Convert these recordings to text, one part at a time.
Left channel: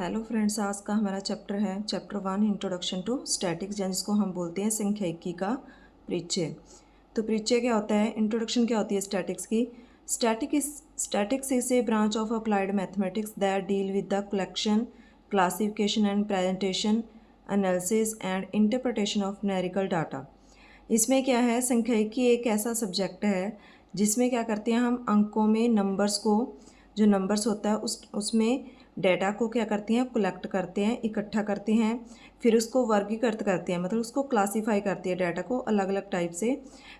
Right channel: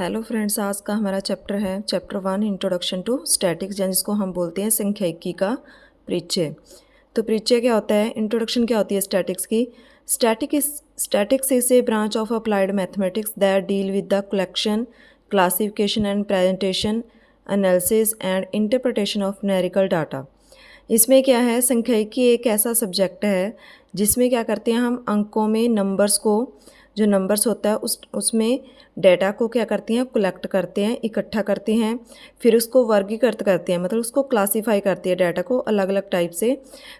Hello friends, आज का हमारा चैप्टर है चैप्टर 1 इंट्रोडक्शन टू स्टैटिक्स, जिसको हम बोलते हैं सांख्यिकी का परिचय। तो परिचय क्या होता है, इंट्रोडक्शन क्या होती है स्टैटिक्स की। Statics is a branch of applied mathematics that deal with the collection, classification and presentation, analysis and interpretation of numerical data. इसमें क्या है, सांख्यिकी एक ऐसा सब्जेक्ट है जिसमें क्या करते हैं हम अंकों में नंबर्स को, जो नंबर्स होता है उसमें डेटा को क्या करते हैं, कलेक्ट करते हैं, इकट्ठा करते हैं, फिर उसको वर्गीकृत करते हैं, मतलब उसको क्लासीफाई करते हैं डाटा को अलग अलग टाइप से।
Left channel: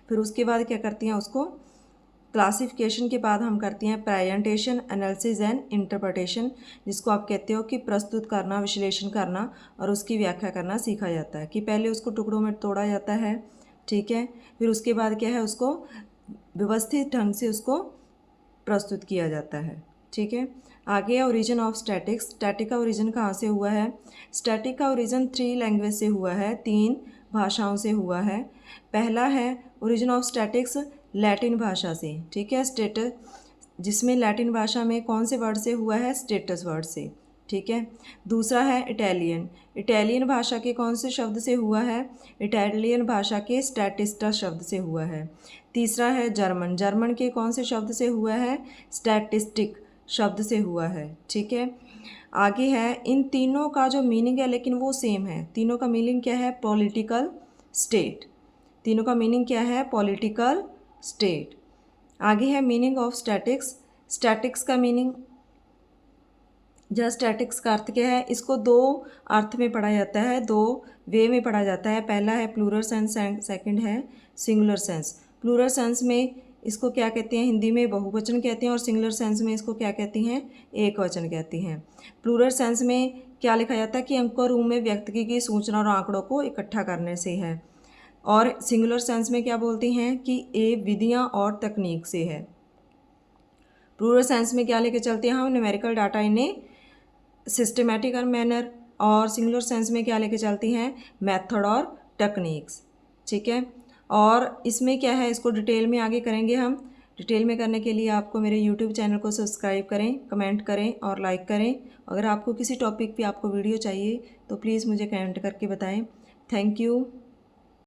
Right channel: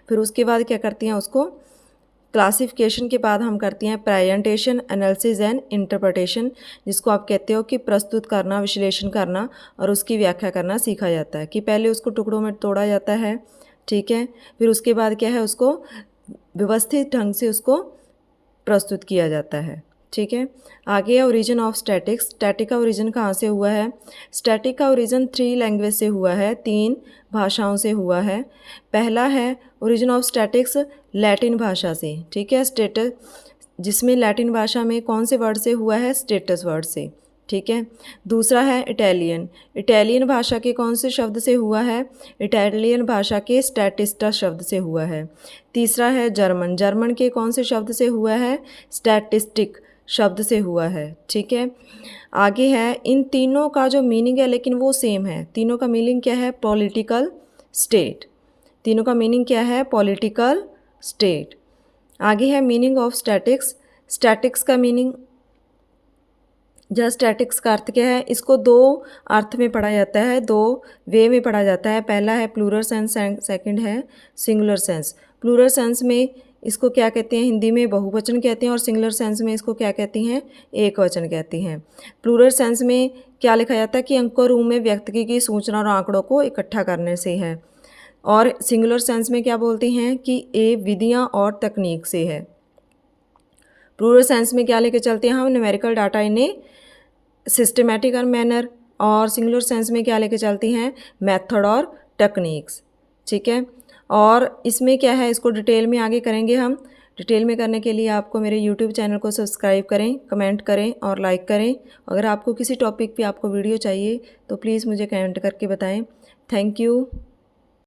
फिर उसके बाद क्या करते हैं, उसको क्लासिफिकेशन के बाद हम करते हैं प्रेजेंटेशन, एनालिसिस एंड इंटरप्रिटेशन, जिसको आप कहते हो कि प्रस्तुत करना, विश्लेषण करना और उसकी व्याख्या करना सीखा जाता है। कि पहले उसको टुकड़ों में तोड़ा जाता है, ठीक है, फिर उसके बाद क्या है, उसको व्यवस्थित ढंग से उसको प्रस्तुत किया जाता है, ठीक है। आगे है ओरिजिन ऑफ स्टैटिक्स। स्टैटिक का ओरिजिन कहाँ से हुआ है? स्टैटिक का ओरिजिन 3 लैंग्वेज से हुआ है, 3 भाषाओं से हुआ है। पहला है ओरिजिन ऑफ स्टैटिक्स लैटिन भाषा से, ठीक है, स्टेटस, जिसमें लैटिन भाषा में कौन से वर्ड से हुआ है, स्टेटस वर्ड से, ठीक है। दूसरा है इटालियन। इटालियन भाषा के कौन से शब्द से हुआ है? इटालियन भाषा के स्टैटिस्टा शब्द से हुआ है। तीसरा है जर्मन। जर्मन के कौन से शब्द से हुआ है? स्टैटिस्टिक शब्द से हुआ है, ठीक है। आगे है, इन तीनों का जो मीनिंग है लेकिन वो सेम है। तीनों का मीनिंग क्या है? Political state. तीनों का मीनिंग क्या है? Political state. आगे है मीनिंग ऑफ स्टैटिक्स। स्टैटिक्स का मीनिंग, जहाँ स्टैटिक्स का अर्थ क्या है, इसको दो अर्थ में पढ़ा जाता है, दो वे में पढ़ा जाता है। पहला है प्लूरल सेंस, सेकंड है सिंगुलर सेंस। प्लूरल सेंस में इसको क्या कहते हैं, हिंदी में बहुवचन कहते हैं, और सिंगुलर सेंस में इसको क्या कहती हैं, एक वचन कहती हैं। प्लूरल सेंस में क्या लिखा जाता है कि अंकों रूप में व्यक्ति की सूचना और आंकड़ों को इकट्ठा करने से है। और सिंगुलर सेंस में क्या बोलते हैं कि ये विधियाँ और तकनीक से है। प्लूरल सेंस में क्या लेके चलते हैं हम, न्यूमेरिकल डाटा इन्हें सिस्टमेटिक और मैनर, और सिंगुलर सेंस में क्या लेके चलती हैं, मेथड और टेक्निक्स, ठीक है। और इसमें क्या है, इसको डिटेल में आगे करेंगे हम। डिटेल में करने के लिए आपको मेरे यूट्यूब चैनल को सब्सक्राइब करें, कमेंट करें और लाइक करें। अगर आपको किसी टॉपिक पे आपको वीडियो चाहिए तो प्लीज़ मुझे कमेंट करके बताएं। Thank you.